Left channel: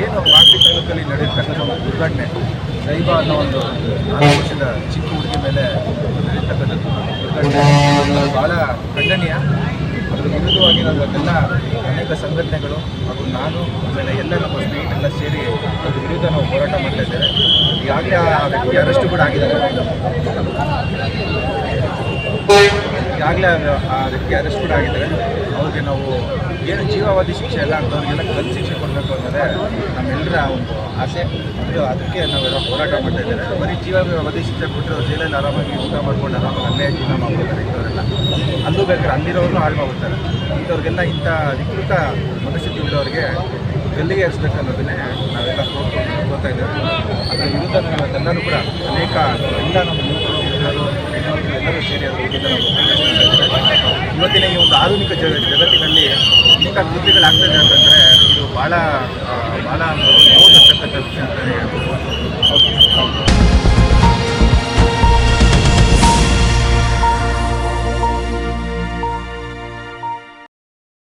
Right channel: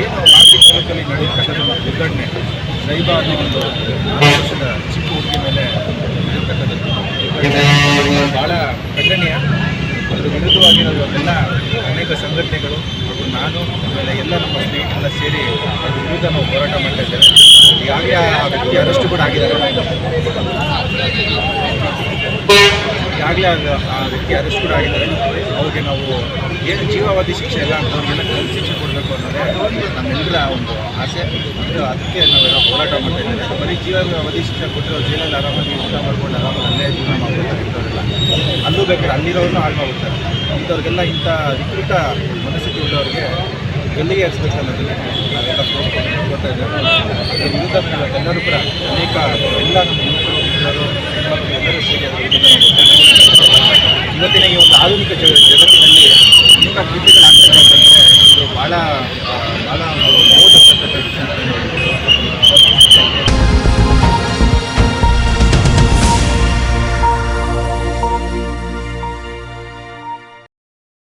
ಏನು ಮಾಗಡಿ ತಾಲೂಕಲ್ಲಿ ನಡೆಯತಕ್ಕಂಥ ಒಂದು ದುರ್ಘಟನೆ ಸೈಬಾ ಅನ್ನೋ ಒಂದು 4 ವರ್ಷದ ಚಿಕ್ಕ ಹುಡುಗಿ ಮೇಲೆ ನಡೆಯತಕ್ಕಂಥದ್ದು ದುರ್ಘಟನೆ ಭಾಳ ಖಂಡನೀಯ. ಅದರ ವಿರುದ್ಧವಾಗಿ ನಾವು ಇವತ್ತೆಲ್ಲ ಅನೇಕ ಸಂಘಟನೆಗಳು ಹಾಗೂ ನಾನು ಆಮೇಲೆ ಎಲ್ಲ ನಮ್ಮ ಸ್ನೇಹಿತರೆಲ್ಲ ಸೇರಿ ಅದ್ರ ವಿರುದ್ಧ ನಾವು ಹೋರಾಟ ಮಾಡ್ತಾ ಇದ್ದೇವೆ. ಈಗಾಗಲೇ ಆ ವ್ಯಕ್ತಿ ಅರೆಸ್ಟ್ ಕೂಡ ಆಗಿದ್ದಾರೆ. ಈಗಾಗಲೇ ಆ ವ್ಯಕ್ತಿ ಅರೆಸ್ಟ್ ಕೂಡ ಆಗಿದ್ದಾರೆ. ಅವ್ರಿಗೆ ನಾವು ಏನು ಜೀವಾವಧಿ ಶಿಕ್ಷೆ ಎಲ್ಲ ಅಂಥವ್ರಿಗೆಲ್ಲ ಕಲ್ಲು ಶಿಕ್ಷೆ ಕೊಡಬೇಕು ಅನ್ನೋದೇ ನಮ್ಮೆಲ್ಲರ ಒಂದು ಆಸೆ. ಅದಕ್ಕೆ ನಾವೆಲ್ಲ ಹೋರಾಟ ಮಾಡ್ತಾ ಇದ್ದೇವೆ. ಬರೀ ಜೀವಾವಧಿ ಶಿಕ್ಷೆ ಕೊಟ್ಟರೆ ಜೈಲಲ್ಲಿ ಆರಾಮಾಗಿ ಊಟ ಮಾಡ್ಕೊಂಡು ಆರಾಮಾಗಿ ಅಲ್ಲೇ ಜೀವನ ಮಾಡ್ಬಿಡ್ತಾರೆ. ಇಂಥವರೆಲ್ಲ ಅಲ್ಲೂ ಬೇಕಾದ್ರೆ ಅಲ್ಲಿರೋರನ್ನೂ ಹಾಳು ಮಾಡ್ಬಿಡ್ತಾರೆ. ಇಂಥವ್ರಿಗೆಲ್ಲ ಇಂಥ ವಿಕೃತ ಮನಸ್ಥಿತಿ ಉಳ್ಳವರಿಗೆ ಗಲ್ಲಿಗೆ ಏರಿಸ್ಬೇಕು ಅನ್ನೋದನ್ನೇ ನಾವೆಲ್ಲ ಹೋಗ್ತಾ ಇದ್ದೇವೆ. ಅದರ ವಿರುದ್ಧ ನಾವೆಲ್ಲರೂ ಕೂಡ ಅನೇಕ ಎಲ್ಲ ನಮ್ಮ ಯುವಕರು ಮಿತ್ರರು ಹೆಣ್ಮಕ್ಳು ಎಲ್ಲರೂ ಸೇರಿ ಅದರ ವಿರುದ್ಧ ನಾವು ಇವತ್ತಿನ ಈ ಒಂದು ಆಧುನಿಕ ಜಗತ್ತಿನಲ್ಲಿ ಅನೇಕ ಕೃತ್ಯಗಳಾಗ್ತದೆ ಅಂತಂದರೆ ಇದು ಭಾಳ ಒಂದು ನೋವು ತರ್ತಕ್ಕಂಥ ವಿಷಯ ಅಂತಲೇ ಹೇಳ್ಬೋದು.